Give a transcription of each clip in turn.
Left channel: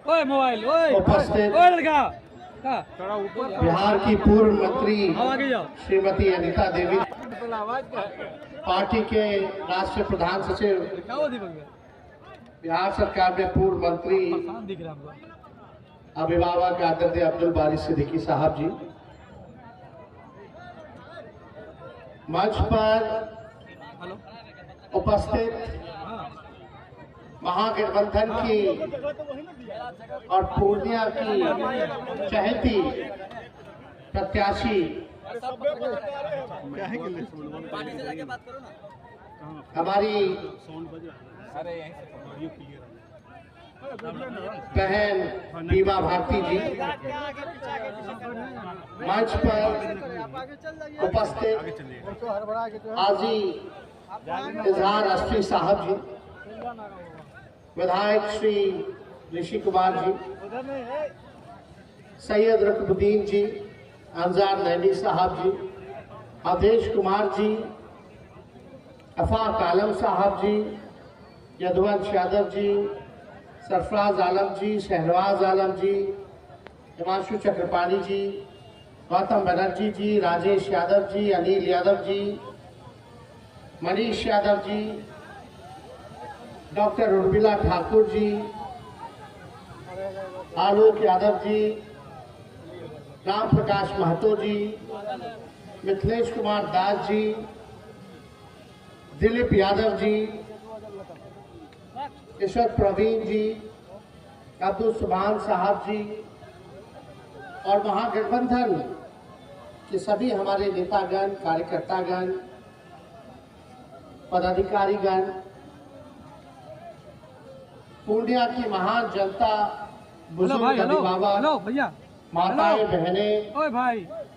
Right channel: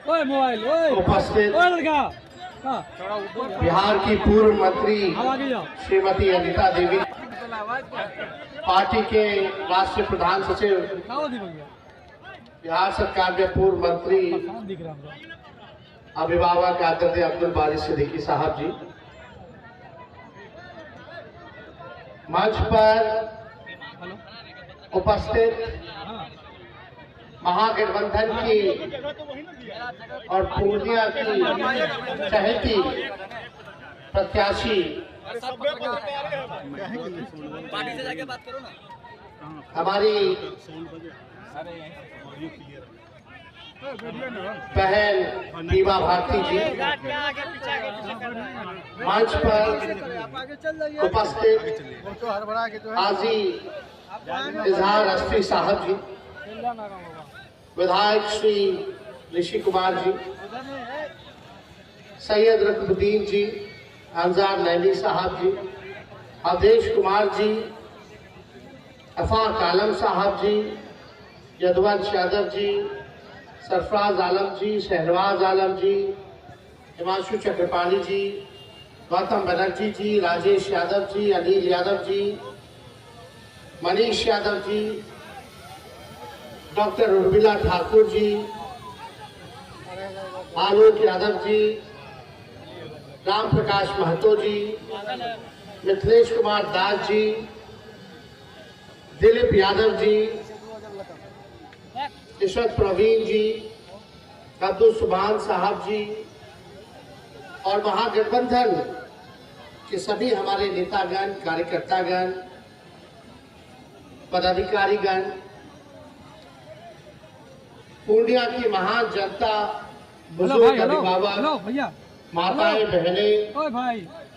उपस्थित बिहार की पूर्व मंत्री श्रीमती अनीता देवी, पार्टी के राष्ट्रीय प्रधान सचिव, बिहार सरकार के पूर्व मंत्री अभिभावक आदरणीय अब्दुल बारी सिद्दीकी साहब जी, मंच पर उपस्थित महागठबंधन की और पूर्णिया की चहेती प्रत्याशी हमारी बहन बीमा भारती जी, मंच पर उपस्थित हाजी इजहार अस्त्री साहब जी, विधायक श्री ऋषि कुमार जी, सैयद रकबुद्दीन जी, अंजार नैनी साहब जी, अवधेश कुमार जी, अफाक आलम साहब जी, यदुवंश यादव जी, सरफराज आलम जी, शहनवाज आलम जी, हिमांशु चक्रपाणी जी, गौतम बनर्जी जी, राजेश यादव जी, अनिल यादव जी, मनीष यादव जी, डॉक्टर उर्मिला ठाकुर जी, आलोक यादव जी, राम प्रकाश महतो जी, मिथिलेश कुमार दास जी, दिलीप यादव जी, यशवंत प्रवीण जी, अब्दुल सुभान साहब जी और महागठबंधन के सभी हमारे नेतागण, कार्यकर्तागण, पदाधिकारीगण, पूर्णिया की महान जनता, बुजुर्ग अभिभावक, माताएं, बहनें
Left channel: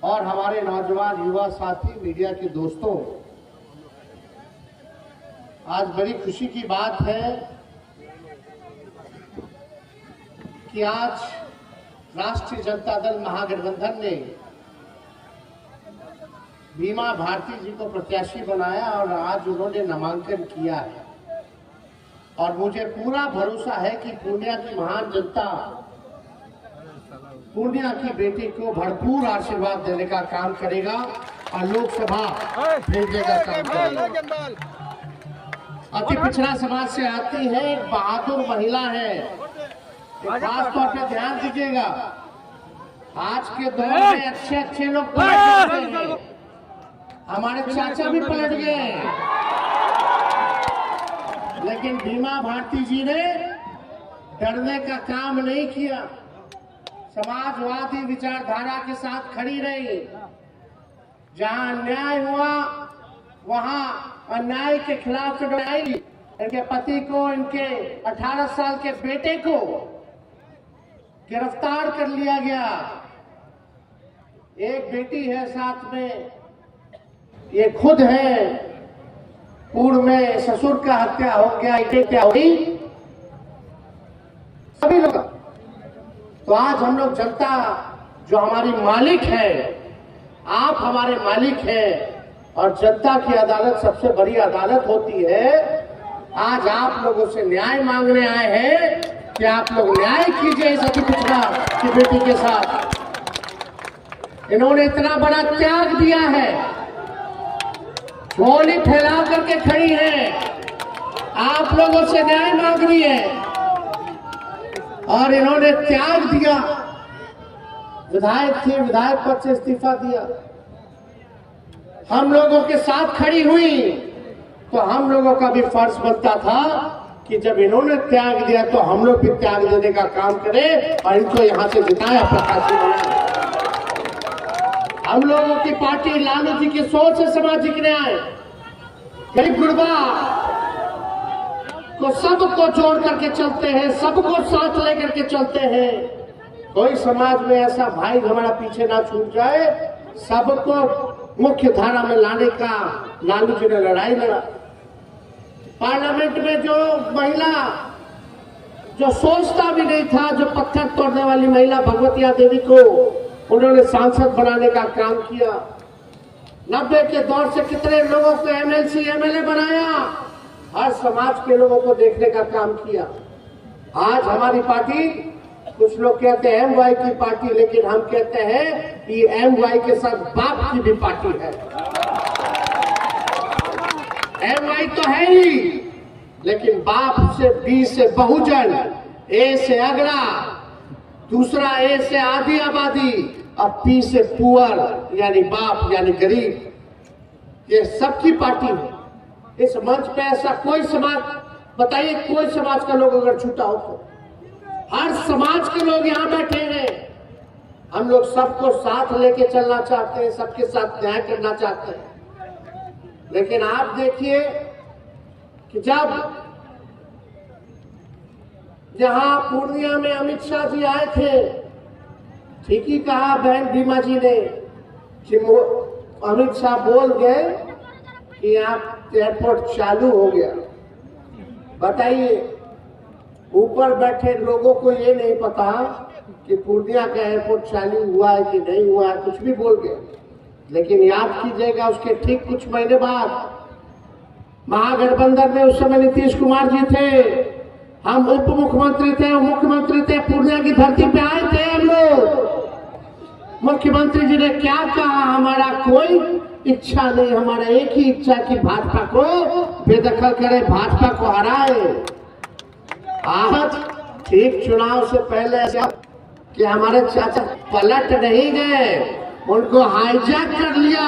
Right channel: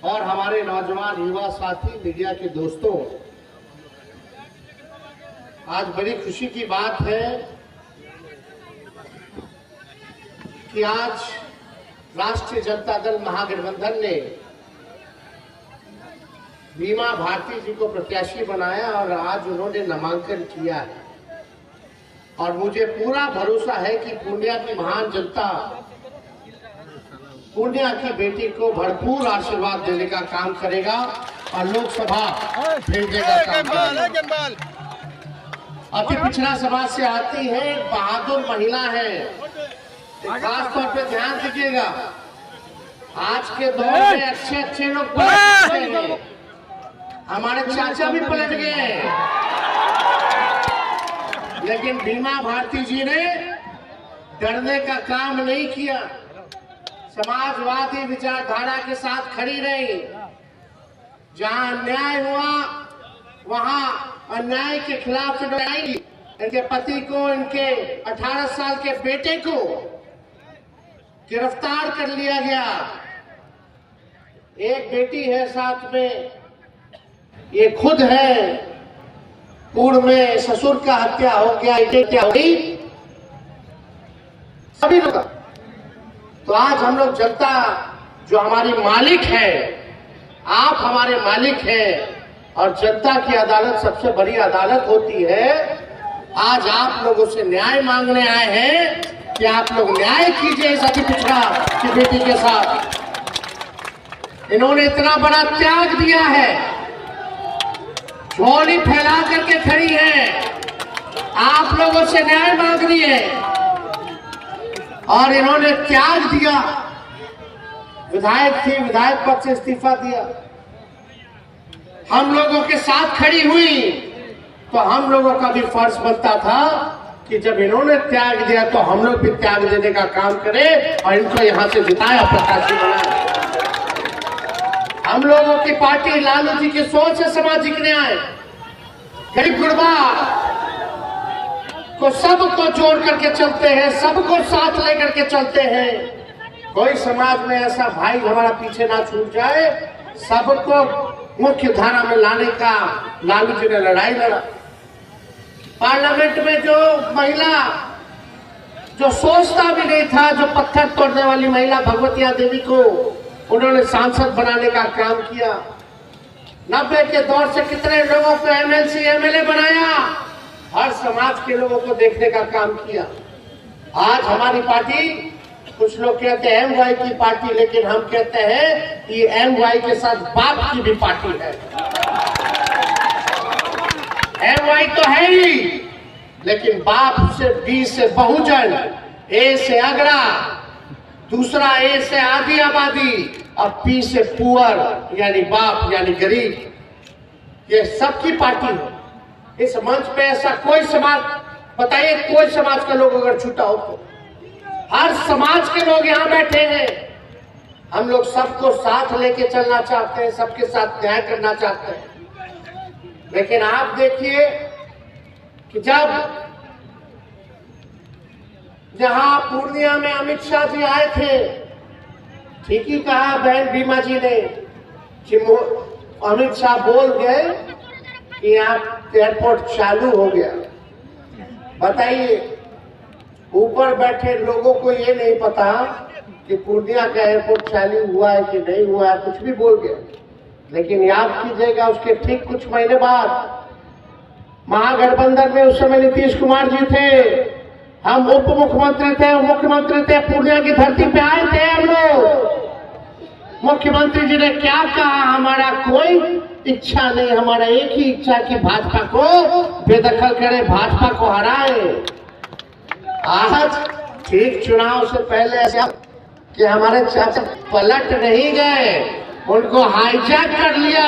और हमारे नौजवान युवा साथी, मीडिया के दोस्तों, आज बड़ी खुशी की बात है कि आज राष्ट्रीय जनता दल महागठबंधन ने बीमा भारती जी को प्रत्याशी बनाया और आज उन्होंने नामांकन किया है और मुझे पूरा भरोसा है कि पूर्णिया की महान जनता पूर्णिया की बेटी को भरपूर आशीर्वाद देने का काम करेगा और लोकसभा भेजने का काम करेगा। अति पिछड़ा समाज से आती है, एक बहादुर महिला है, खास तौर पे ध्यान दीजिएगा। आज के दौर में अच्छे अच्छे लोग पलट गए हैं, हमारे चाचा भी पलट गए हैं, लेकिन बीमा भारती जी ने डरने का काम नहीं किया, समाजवादी विचारधारा के साथ खड़ी रही। जहां अन्याय हुआ वहां अन्याय के खिलाफ लड़ाई। इनके पति को, इनके 18 साल के बेटे को गिरफ्तार कर लिया गया। एक बेटी है साथ में, ये खुद है, पूर्व में ससुर का हत्या हो गया, ये क्या हुई सभी लोग। तो आज हम लोग जनता जो हमारी मालिक है, आप हमारे मालिक हैं और जनता की अदालत सबसे बड़ी अदालत होती है। आज आप लोगों से न्याय मांगने आए हैं कि आप लोग न्याय कीजिए इस अति पिछड़ा की बेटी के साथ। इन्होंने इतना बड़ा त्याग दिया है, झोली फैला करके खड़ी है, आप लोगों से न्याय मांग रही है और इन्होंने त्याग दिया। विधायक थी, विधायक पद से इस्तीफा दिया, हम लोगों के साथ खड़ी हुई, तो हम लोगों का भी फर्ज बनता था कि जब इन्होंने त्याग दिया तो हम लोग भी त्याग देने का काम करें और इनको यहां से जिताया, प्रत्याशी बनाया। हम लोगों की पार्टी लालू जी की सोच है सामाजिक न्याय, गरीब गुरबा को सबको जोड़ करके चलते हैं, सबको साथ लेकर के चलते हैं। कोई समाज में ऐसा भाई हमारा पीछे ना छूट जाए, सबको मुख्य धारा में लाने का लालू जी ने लड़ाई लड़ा। पार्लियामेंट में जो महिला जो सोचता भी नहीं था, जो पत्थर तोड़ने वाली महिला भगवतिया देवी को उन्होंने सांसद बनाने का काम किया। 90 के दौर से कितने लोगों को एमएलसी एमएलए बनाया, हर समाज के लोगों को देखने का काम किया। आज हमारी पार्टी कुछ लोग कहते हैं MY की पार्टी, लेकिन हम कहते हैं ये MY के साथ बाप की भी पार्टी है। MY तो है ही, लेकिन बाप से B से बहुजन, A से अगड़ा, दूसरा A से आधी आबादी, अब P से पुअर यानी बाप यानी गरीब, ये सबकी पार्टी है। इस मंच पे ऐसा कोई समाज, बताइए कोई समाज के लोग अगर छूटा हो तो, हर समाज के लोग यहां बैठे हैं। हम लोग सबको साथ लेके चलना चाहते हैं, सबके साथ न्याय करना चाहते हैं। लेकिन आप देखिए कि जहां पूर्णिया में अमित शाह जी आए थे, ठीक ही कहा बहन बीमा जी ने कि अमित शाह बोल गए कि यहाँ एयरपोर्ट चालू हो गया। बताइए, ऊपर बैठे लोगों को ये नहीं पता कि पूर्णिया का एयरपोर्ट चालू हुआ है कि नहीं हुआ है, कुछ भी बोल गए। लेकिन याद कीजिएगा, उसके ठीक कुछ महीने बाद महागठबंधन में उस समय नीतीश कुमार जी थे, हम उप मुख्यमंत्री थे, मुख्यमंत्री थे, पूर्णिया की धरती पे आए थे हम लोग। मुख्यमंत्री जी ने क्या कहा, हमारा कोई इच्छा नहीं, हमारा एक ही इच्छा कि भाजपा को बेदखल करे, भाजपा को हराए। आज ठीक चुनाव से पहले ऐसा कि हमारे चाचा पलट नहीं गए, उनको हाईजैक कर लिया।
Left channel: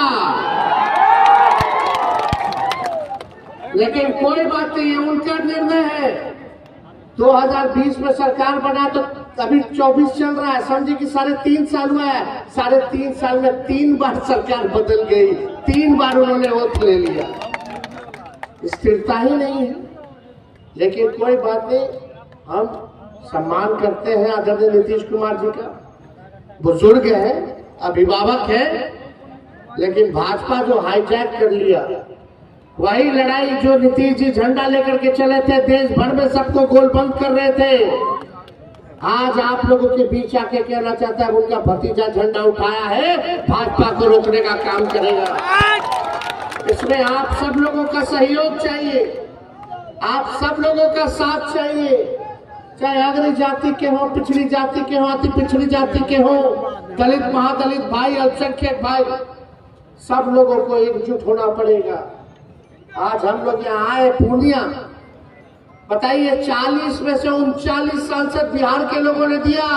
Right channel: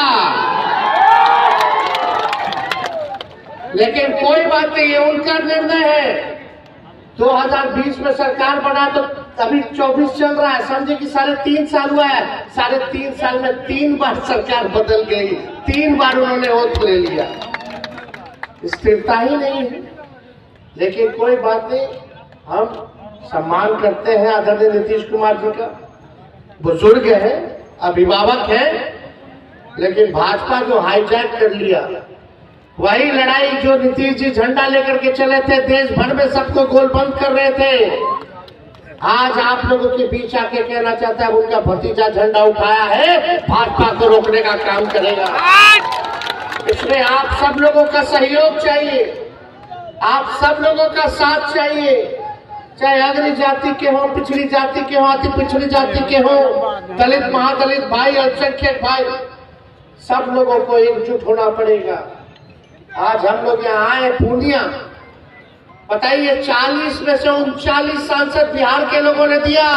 लेकिन कोई बात नहीं, ये उनका निर्णय है। 2020 में सरकार बना तो अभी 24 चल रहा है, समझे कि 3.5 साल हुआ है। 3.5 साल में 3 बार सरकार बदल गई, 3 बार उन्होंने ओथ ले लिया, स्थिरता ही नहीं है। लेकिन कोई बात नहीं, हम सम्मान करते हैं आदरणीय नीतीश कुमार जी का, बुजुर्ग है, अभिभावक है। लेकिन भाजपा जो हाईजैक कर लिया, वही लड़ाई जो नीतीश जी झंडा लेकर के चले थे, देश भर में सबको गोलबंद कर रहे थे, आज आप लोगों के बीच आके कहना चाहता है उनका भतीजा झंडा उठाया है, भाजपा को रोकने का काम करेगा। इसमें आप सब लोगों का सहयोग चाहिए, आप सब लोगों का साथ चाहिए, चाहे अग्र जाति के हो, पिछड़ी जाति के हो, अति पिछड़ी जाति के हो, दलित महादलित भाई, अल्पसंख्यक भाई, सब लोगों को एकजुट होना पड़ेगा। आज हम लोग यहाँ आए पूर्णिया, बताइए 40 में से 39 सांसद बिहार के लोगों ने दिया,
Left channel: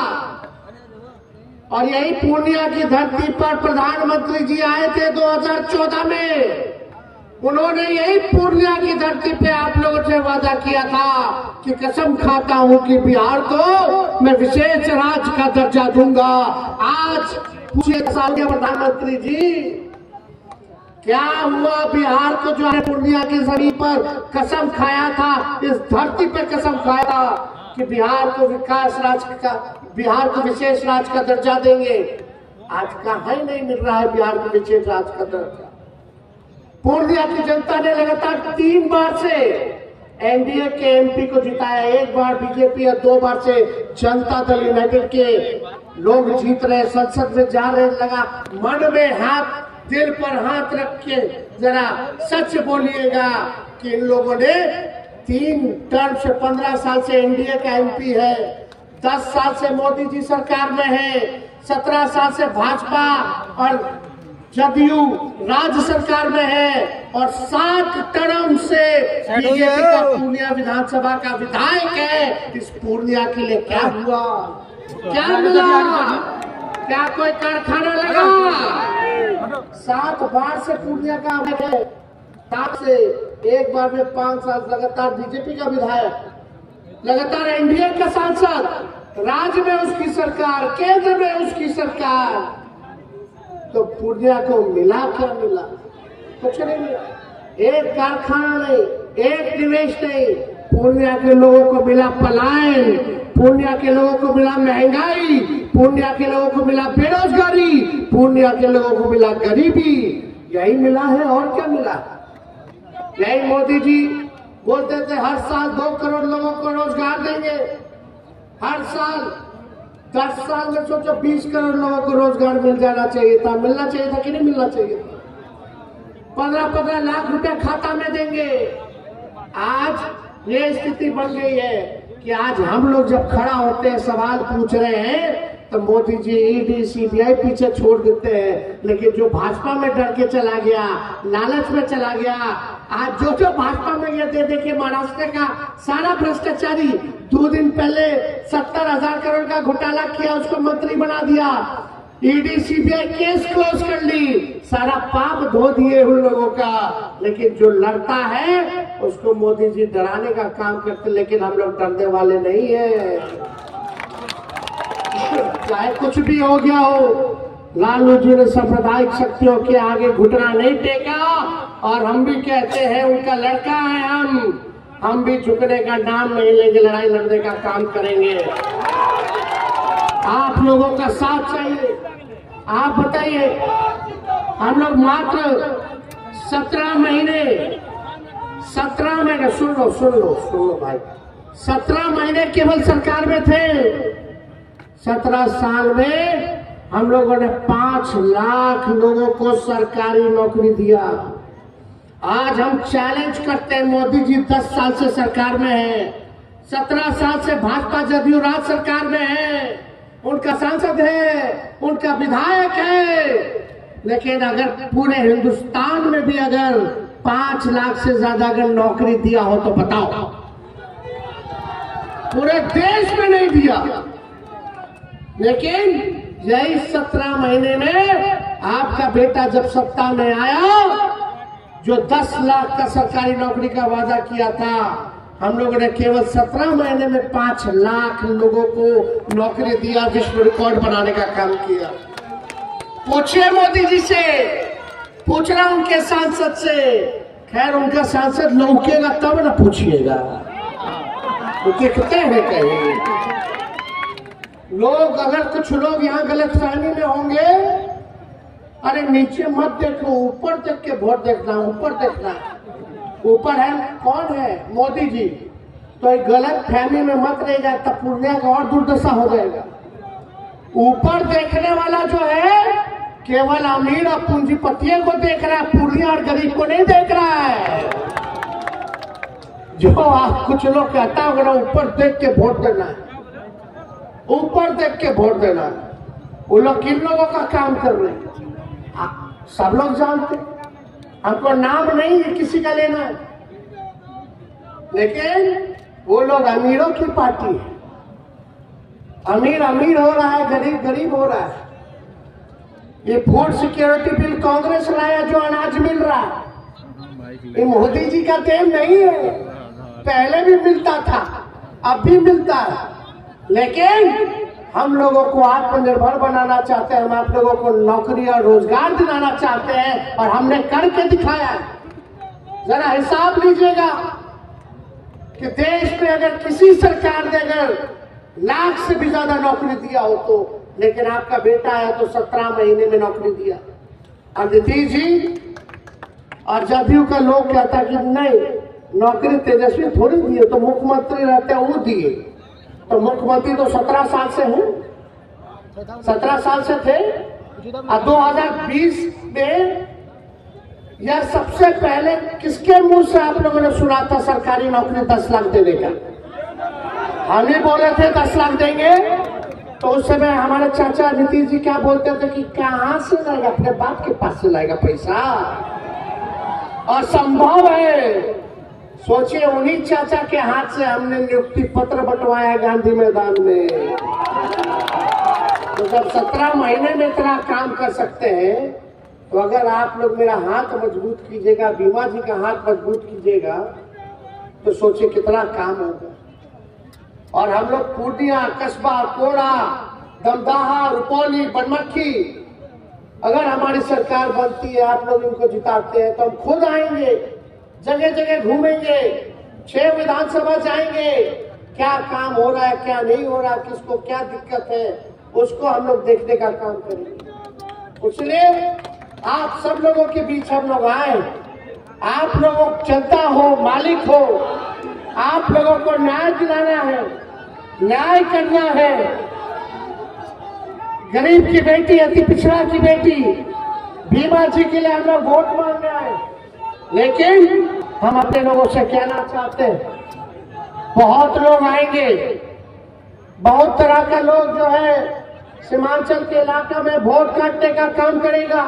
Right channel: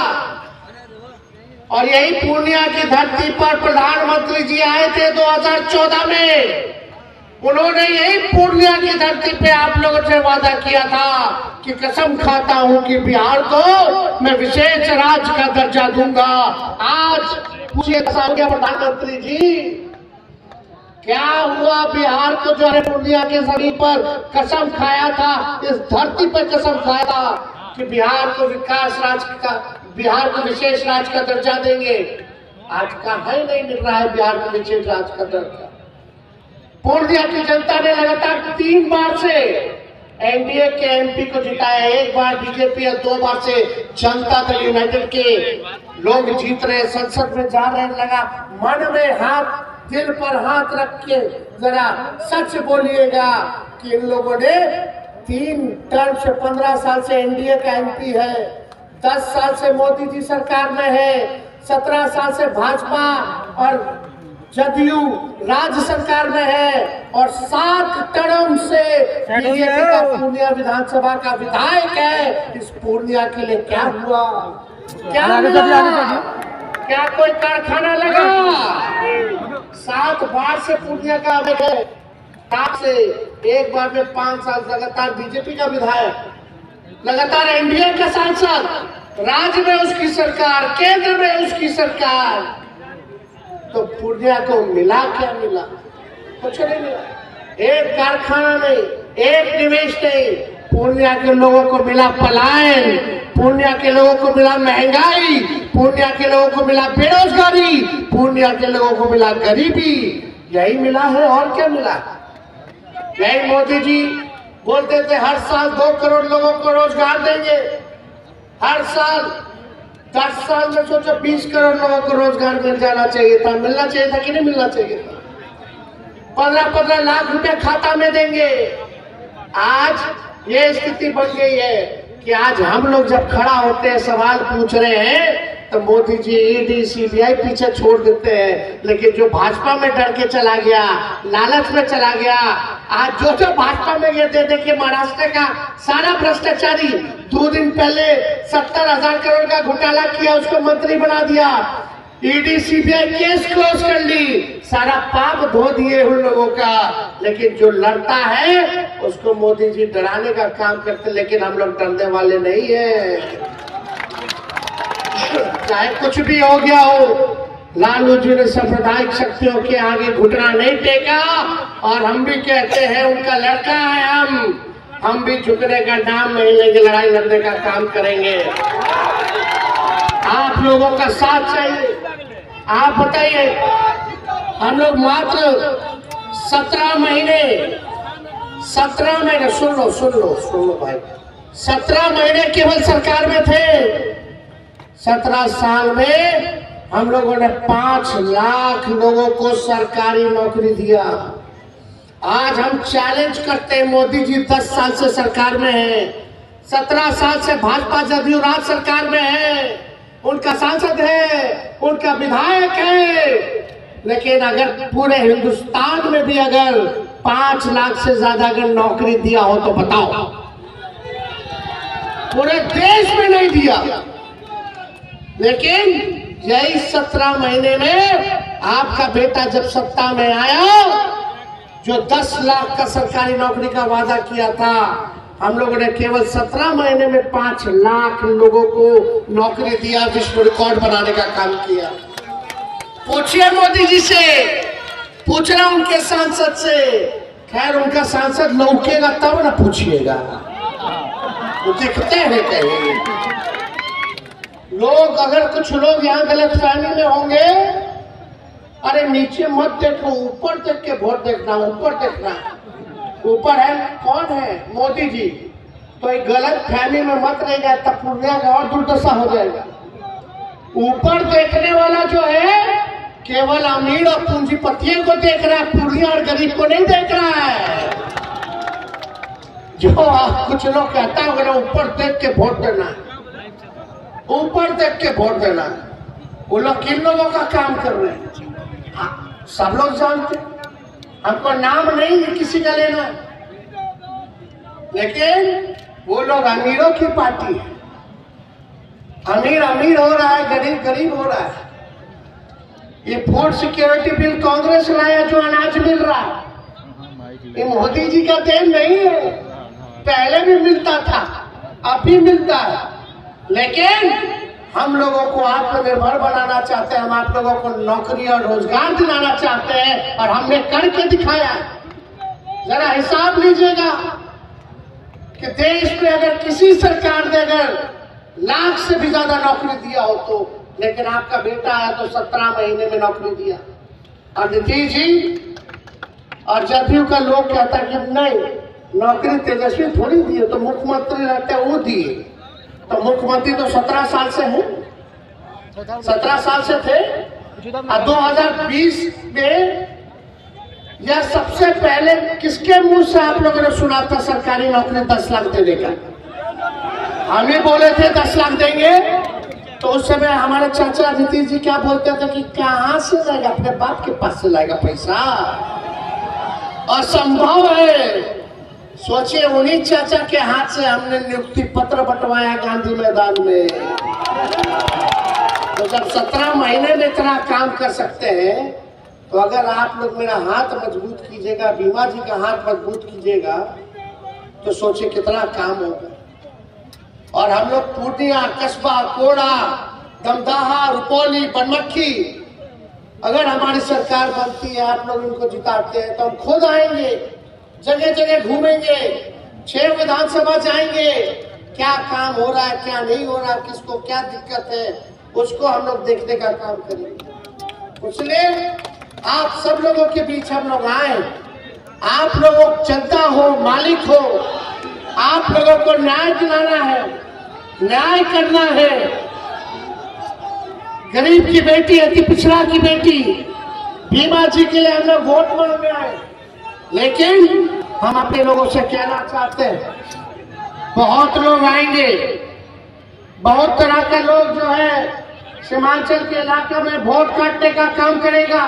और यही पूर्णिया की धरती पर प्रधानमंत्री जी आए थे 2014 में। उन्होंने यही पूर्णिया की धरती पे आप लोगों से वादा किया था कि कसम खाता हूं कि बिहार को मैं विशेष राज्य का दर्जा दूंगा। आज पूछिए प्रधानमंत्री जी, क्या हुआ बिहार को, जो पूर्णिया के जमीन पर कसम खाया था, इस धरती पर कसम खाया था कि बिहार को विकास राज्य का, बिहार को विशेष राज्य का दर्जा देंगे। आज कहाँ ही नहीं मिल रहा है बिहार को विशेष राज्य का दर्जा। पूर्णिया की जनता ने लगातार 3 बार से एनडीए के एमपी को जिताया, 1 बार बीजेपी और 2 बार से जनता दल यूनाइटेड के लोग जीत रहे, संसद में जा रहे। लगा मन में हाथ, दिल पर हाथ रख के जरा सच बोलिएगा कि इन लोगों ने 3 टर्म से 15 साल से एनडीए का एमपी है, 10 साल से मोदी जी सरकार में है, 17 साल से भाजपा और जदयू राज्य सरकार में है, और 7 टर्म से बीजेपी का पूर्णिया विधानसभा का विधायक है। इस पूर्णिया के लिए क्या हुआ, क्या मिला, क्या कोई कारखाना लगा? 7 बार से पूर्णिया का है, 7 से 1 बार में 5 साल लगातार बीजेपी का विधायक, लगातार एनडीए का सांसद, राज्य में उसकी सरकार, केंद्र में उसकी सरकार। तो पूर्णिया को मिला क्या? मिला कुछ नहीं मिला, एक कारखाना नहीं, एक निवेश नहीं। पूर्णिया के लोगों को मिला पलायन, पूर्णिया के लोगों को मिला महंगाई, पूर्णिया के लोगों को मिला बेरोजगारी, पूर्णिया के लोगों को मिला गरीबी। यही मिला है, और क्या मिला? यही मोदी जी बोलते थे हर साल 2 करोड़ लोगों को रोजगार देंगे, हर साल 10 साल में सोचो 20 करोड़ लोगों को रोजगार मिल जाना चाहिए था। मिलना चाहिए था कि नहीं मिलना चाहिए था? 15-15 लाख रुपए खाता में देंगे। आज ये स्थिति बन गई है कि आज हम लोग जब खड़ा होते हैं सवाल पूछ रहे हैं तो मोदी जी ईडी सीबीआई पीछे छोड़ देते हैं, लेकिन जो भाजपा में डर के चला गया, लालच में चला गया, आज जो भाजपा में ये दे के महाराष्ट्र का सारा भ्रष्टाचारी 2 दिन पहले 70,000 करोड़ का घोटाला किया, उसको मंत्री बना दिया, ईडी सीबीआई केस क्लोज कर ली, सारा पाप धो दिए उन लोगों का। लेकिन जो लड़ता है उसको मोदी जी डराने का काम करते, लेकिन हम लोग डरने वाले नहीं है। चाहे कुछ भी हो गया हो, लालू जी ने सांप्रदायिक शक्तियों के आगे घुटना नहीं टेका, और हम भी कहते हैं उनका लड़का है हम भी झुकने का नाम नहीं लेंगे, लड़ाई लड़ने का काम करेंगे। आप लोगों का साथ चाहिए। आप बताइए, हम लोग मात्र 17 महीने सुन लो भाई, 17 महीने केवल सरकार में थे। 17 साल में हम लोगों ने 5 लाख लोगों को सरकारी नौकरी दिया। आज हम चैलेंज करते हैं, मोदी जी 10 साल से सरकार में है, 17 साल से भाजपा जदयू राज सरकार में है, उनका सांसद है, उनका विधायक है, लेकिन अगर पूरे हिंदुस्तान में भी अगर 5 लाख से ज्यादा अगर नौकरी दिया हो तो बताओ, पूरे देश में नहीं दिया। लेकिन यही 17 महीने में आपका बेटा जब सत्ता में आया, जो 10 लाख का सरकारी नौकरी का वादा किया था, हम लोगों ने केवल 17 महीने में 5 लाख लोगों को नौकरी दिया, विश्व रिकॉर्ड बनाने का काम किया। पूछिए मोदी जी से, पूछ रहा उनके सांसद से, खैर उनका सांसद लौकेगा तब ना पूछिएगा, वो दिखते हैं कहीं लोग। अगर कुछ लोग यहाँ गलतफहमी में होंगे, अरे नीचे मत देखो, ऊपर देख के वोट देखना, ऊपर देखना। ऊपर है कौन है? मोदी जी। तो एक गलत फहमी में मत रह जाए, तब पूर्णिया का और दुर्दशा हो जाएगा। ऊपर देखने वाला जो है केवल अमीर और पूंजीपतियों को देख रहा है, पूर्णिया और गरीब को नहीं देख रहा है। जो कुछ लोग कहता है ना ऊपर देख के वोट देना, ऊपर देख के वोट देना, वो लोग किन लोगों का काम कर रहे हैं सब लोग जानते। हमको नाम नहीं है किसी का लेना, लेकिन वो लोग अमीरों की पार्टी है। अमीर अमीर हो रहा है, गरीब गरीब हो रहा है। ये फूड सिक्योरिटी बिल कांग्रेस लाया, जो अनाज मिल रहा है, ये मोदी जी का देन नहीं है। पहले भी मिलता था, अब भी मिलता है, लेकिन हम लोगों को आत्मनिर्भर बनाना चाहते हैं, हम आप लोगों को नौकरी और रोजगार दिलाना चाहते हैं, और हमने करके दिखाया। जरा हिसाब लीजिएगा कि देश में अगर किसी सरकार ने अगर लाख से भी ज्यादा नौकरी दिया हो तो, लेकिन आपका बेटा आया तो 17 महीने में नौकरी दिया। और नीतीश जी और जदयू का लोग कहता कि नहीं, नौकरी तेजस्वी थोड़ी दिए, तो मुख्यमंत्री रहते वो दिए। तो मुख्यमंत्री तो 17 साल से हैं, 17 साल से थे। और 2020 में यह सबसे पहले किसके मुंह से आप लोगों ने सुना था सरकारी नौकरी 10 लाख देने का? हम ही बोले थे 10 लाख देंगे। तो उस समय हमारे चाचा नीतीश जी क्या बोलते थे कि कहां से लाएगा, अपने बाप के पास से लाएगा पैसा, असंभव है। सोचिए, उन्हीं चाचा के हाथ से हमने नियुक्ति पत्र बंटवाया गांधी मैदान में। तो जब 17 महीने में इतना काम कर सकते हैं, तो अगर आप लोग मेरा हाथ मजबूत कीजिएगा, बीमा जी का हाथ मजबूत कीजिएगा, तो सोचिए कितना काम होगा। और हम लोग पूर्णिया, कस्बा, कोड़ा, दमदाहा, रुपौली, बनमक्खी, अगर हमारी सरकार बनती है, आप लोग उनको जिताते हैं, तो हम खुद आएंगे, जगह जगह घूमेंगे, 6 विधानसभा जाएंगे, क्या काम हो रहा है, क्या नहीं हो रहा है, किसको क्या दिक्कत है, उसको हम लोग देखने का काम करेंगे। इसलिए आप सब लोगों के बीच हम लोग आए। आप लोगों जनता हो, मालिक हो, आप लोगों को न्याय दिलाना है, न्याय करना है। गरीब की बेटी, अति पिछड़ा की बेटी, बीमा जी के लिए हम लोग वोट मांगने आए। लेकिन हम अपने लोगों से कहना चाहते हैं, बहुत लोग आएंगे, बहुत तरह के लोग जो है सीमांचल के इलाके में वोट काटने का काम करेगा,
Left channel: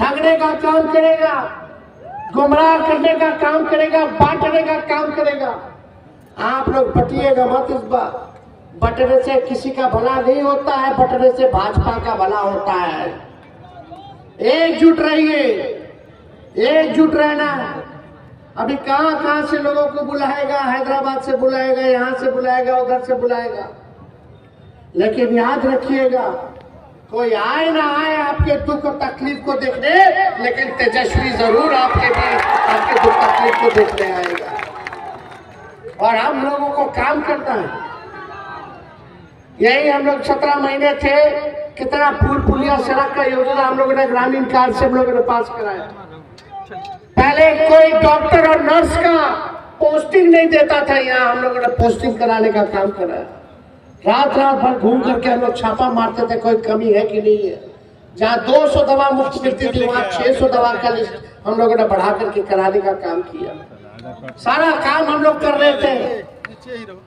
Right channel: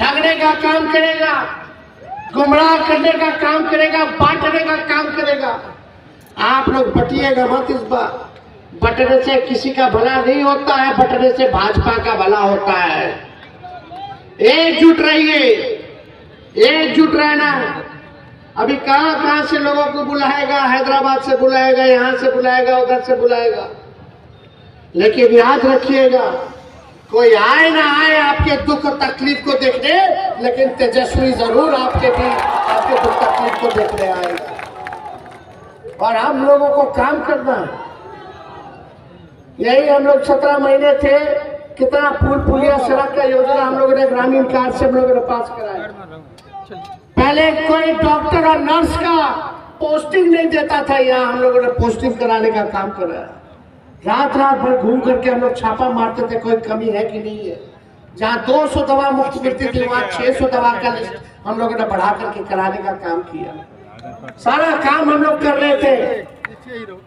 ठगने का काम करेगा, गुमराह करने का काम करेगा, बांटने का काम करेगा। आप लोग बटिएगा मत इस बार। बटने से किसी का भला नहीं होता है, बटने से भाजपा का भला होता है। एकजुट रहिए, एकजुट रहना। अभी कहां कहां से लोगों को बुलाएगा, हैदराबाद से बुलाएगा, यहां से बुलाएगा, उधर से बुलाएगा। लेकिन याद रखिएगा, कोई आए ना आए आपके दुख और तकलीफ को देखने, लेकिन तेजस्वी जरूर आपके दुख तकलीफ को देखने आएगा। और हम लोगों को काम करना है। यही हम लोग 17 महीने थे, कितना पुल पुलिया सड़क का योजना हम लोगों ने ग्रामीण कार्ड से हम लोगों ने पास कराया। पहले कोई डॉक्टर और नर्स का पोस्टिंग नहीं देता था, यहाँ हम लोगों ने पोस्टिंग कराने का काम कराया। रात रात भर घूम करके हम लोग छापा मारते थे, कोई कमी है कि नहीं है। जहाँ 200 दवा मुफ्त मिलती थी, वहाँ 600 दवा का लिस्ट हम लोगों ने बढ़ा करके कराने का काम किया। सारा काम हम लोग कर रहे थे,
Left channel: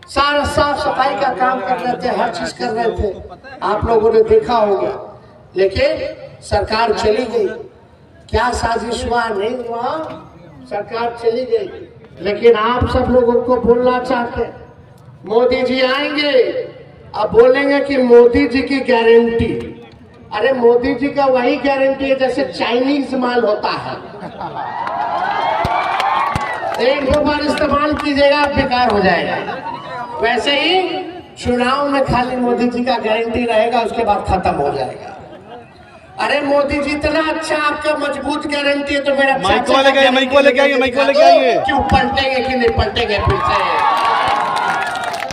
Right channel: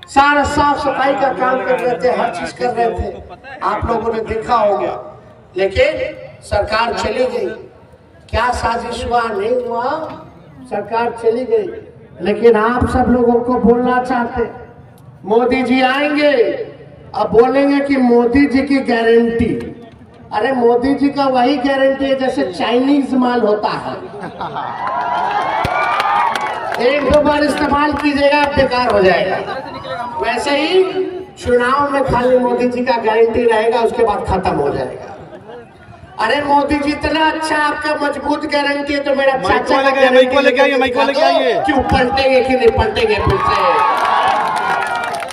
सारा साफ सफाई का काम कर रहे थे, हर चीज कर रहे थे। आप लोगों ने देखा होगा। लेकिन सरकार चली गई, क्या साजिश हुआ नहीं हुआ, सरकार चली गई। लेकिन आप सब लोगों को बोलना चाहते, मोदी जी आएंगे, अब बोलेंगे कि मोदी जी की गारंटी। अरे मोदी जी का वही गारंटी है जैसे चाइनीज माल होता है, एक दो बार इस्तेमाल कीजिएगा बेकार हो जाएगा। वैसे ही चुनाव में खाली मोदी जी का गारंटी रहेगा, उसके बाद खत्म हो जाएगा। अरे मोदी जी इतना अच्छा आपका मजबूत गारंटी है, तो मेरा चाचा क्यों पलटेंगे कि नहीं पलटेंगे फिर से?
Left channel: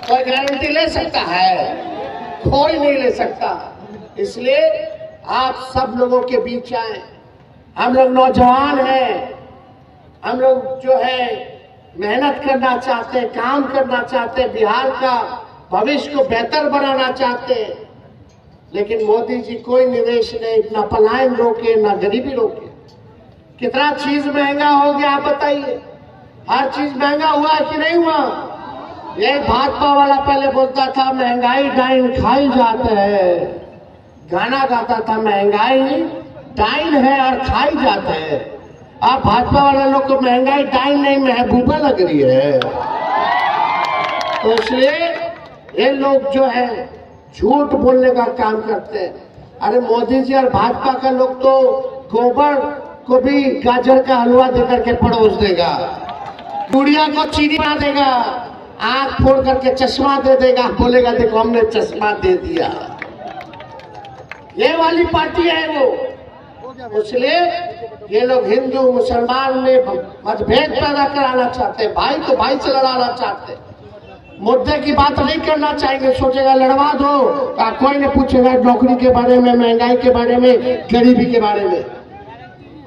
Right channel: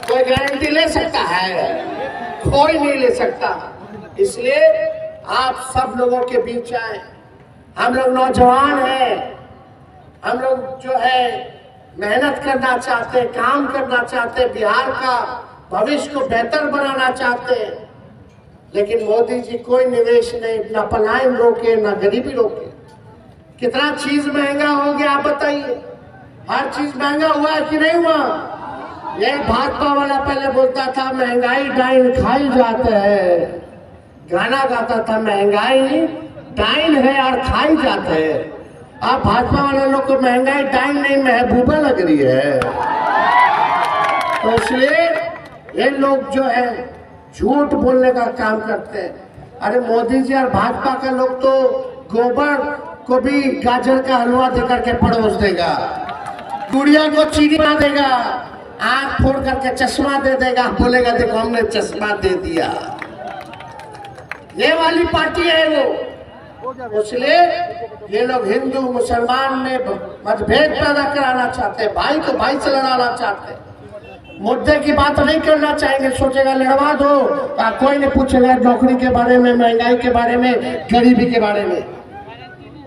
कोई गारंटी ले सकता है? कोई नहीं ले सकता। इसलिए आप सब लोगों के बीच आए। हम लोग नौजवान हैं, हम लोग जो है मेहनत करना चाहते हैं, काम करना चाहते हैं, बिहार का भविष्य को बेहतर बनाना चाहते हैं। लेकिन मोदी जी कोई निवेश नहीं, ना पलायन रोके, ना गरीबी रोके। कितना चीज महंगा हो गया आप बताइए? हर चीज महंगा हुआ कि नहीं हुआ? यही भाजपा वाला पहले बोलता था महंगाई डाइन खाई जाते है, गाना गाता था महंगाई डाइन है और खाई जाते है। अब भाजपा वाला लोग को महंगाई डाइन नहीं महबूबा लग रही है। तो इसलिए ये लोग जो है झूठ बोलने का काम करते हैं। अरे मोदी जी और भाजपा का लोग तो गोबर को भी गाजर का हलवा देकर के परोस देगा, गुड़िया को चीनी बना देगा, आंख फोड़ करके चश्मा दे देगा, बोलेगा देखो हमने चश्मा दे दिया। ये वाली पार्टी है वो। इसलिए ये लोग हिंदू मुसलमान में मतभेद पैदा कराना चाहते हैं, भाई को भाई से लड़ाना चाहते हैं। मुद्दे की बात नहीं करना चाहेंगे, सोचेगा लड़वा दो, कोई नहीं पूछेगा नौकरी के बारे में, महंगाई के बारे में, गरीबी के बारे में।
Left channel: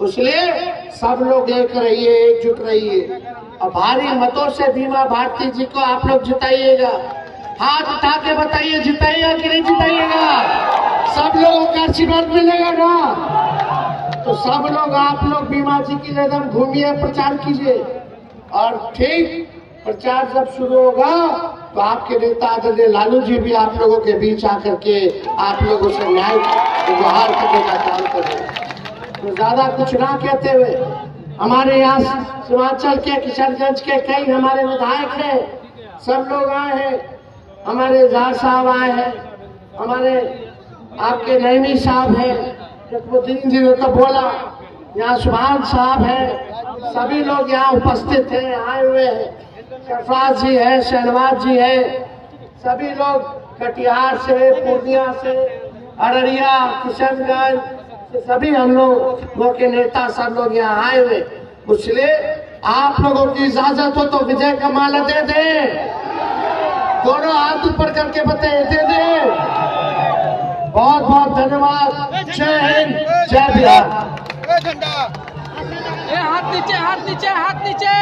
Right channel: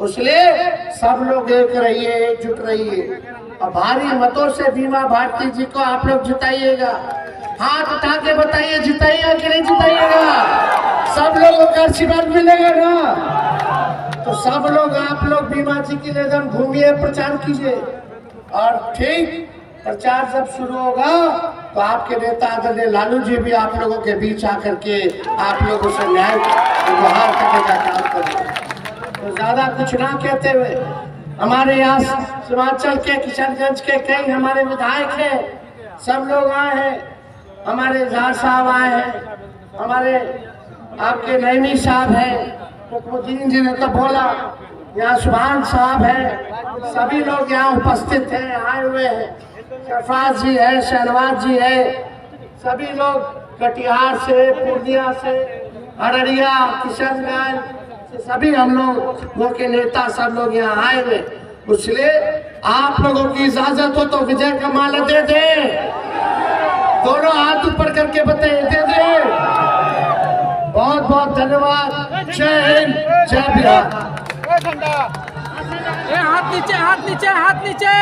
इसलिए सब लोग एक रहिए, एकजुट रहिए और भारी मतों से बीमा भारती जी को आप लोग जिताइएगा। हाथ उठा के बताइए जिताइएगा कि नहीं जिताइएगा? सब लोगों का आशीर्वाद मिलेगा ना? तो सब लोग आप लोग बीमा जी की एकदम घूमिए, प्रचार कीजिए। और ठीक प्रचार जब शुरू होगा तो आपके नेता आदरणीय लालू जी भी आप लोगों के बीच आकर के आप लोगों से न्याय गुहार करने का काम करेंगे। तो ज्यादा कुछ ना कहते हुए, हमारे यहाँ सीमांचल के किशनगंज के कई हमारे विधायक हैं, सब लोग आए हैं। हमारे जार साहब आए हैं, हमारे आपके नईमी साहब हैं, रुकनुद्दीन जी ने तो बोला, यहाँ सुभान साहब हैं, सभी लोग यहाँ उपस्थित हैं, आए हुए हैं। सरफराज जी है, शहनवाज जी है, सभी लोग कटिहार से, पूर्णिया से, अररिया, किशनगंज से सभी हम लोगों के नेता सब लोग यहाँ आए हुए। इसलिए आप लोगों की इजाजत हो तो विजय का माला दे दे, दोनों हाथ ऊपर करके बताइए, दे दे। बहुत बहुत धन्यवाद। जय हिंद, जय बिहार। हाथ नीचे, हाथ नीचे, हाथ नीचे।